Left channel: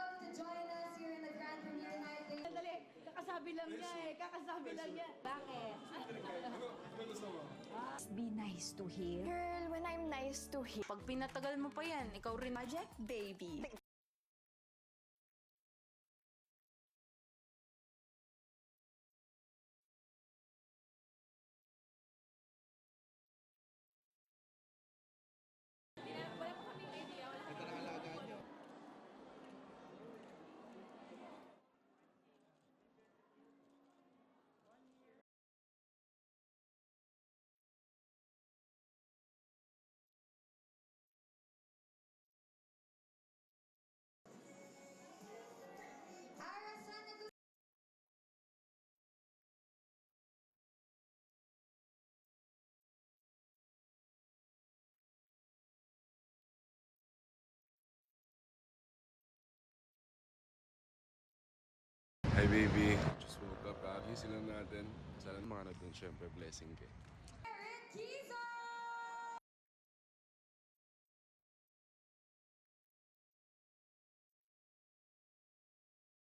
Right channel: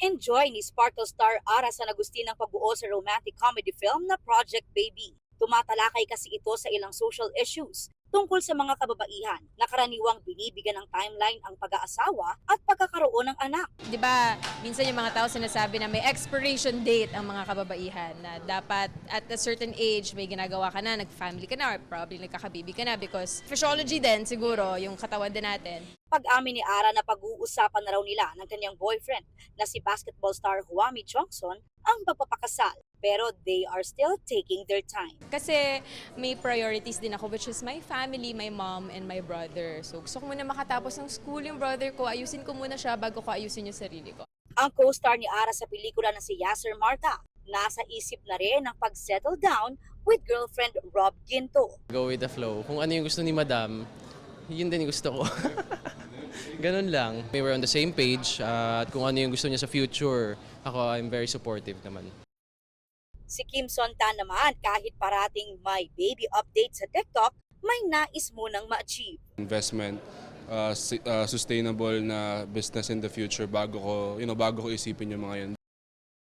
Na-enjoy ni Sparkle Star Ara San Agustin ang pagbuo sa romantic comedy film na Project Baby. Tumatalakay kasi ito sa ilang social issues tungkol sa mga kababaihan na karaniwang binibigyan ng timeline ang pag-aasawa at pagkakaroon ng anak. 'Di ba, minsan yung mga tao sinasabi na may expiration date ang mga kababaihan na dapat at a certain age may ginagawa ka na, nag-family ka na or probably nagkakabibi ka na because physiology din siguro yung katawan din natin. Pag-amin ni Ara na pag-uusapan na raw nila ng kanyang boyfriend na si basketball star Huami Chongson ang pagpapakasal. Pero they are still taking their time. Kasi may priorities din ako which is my family, my mom, and my brother. So gusto ko muna makatapos ng school yung brother ko, ayusin ko muna siya bago ko ayusin yung sarili ko. Ang co-star ni Ara sa pelikula na si Yasser Marta, nasa isip na rin ang pag-settle down with girlfriend Rob Ginto. Go with the flow. Kung ano yung gusto ni Madam, yun din yung gusto ko. Ganun lang. We were on the same page at kung ano yung gusto niya sa future, ako, I'm very supportive naman. Hi, baby. Si Kim Son-tan naman, kahit parating may baby update sa TikTok, may nais munang ma-achieve. Investment, sustainable na business in the future bago ko isipin yung mga yun.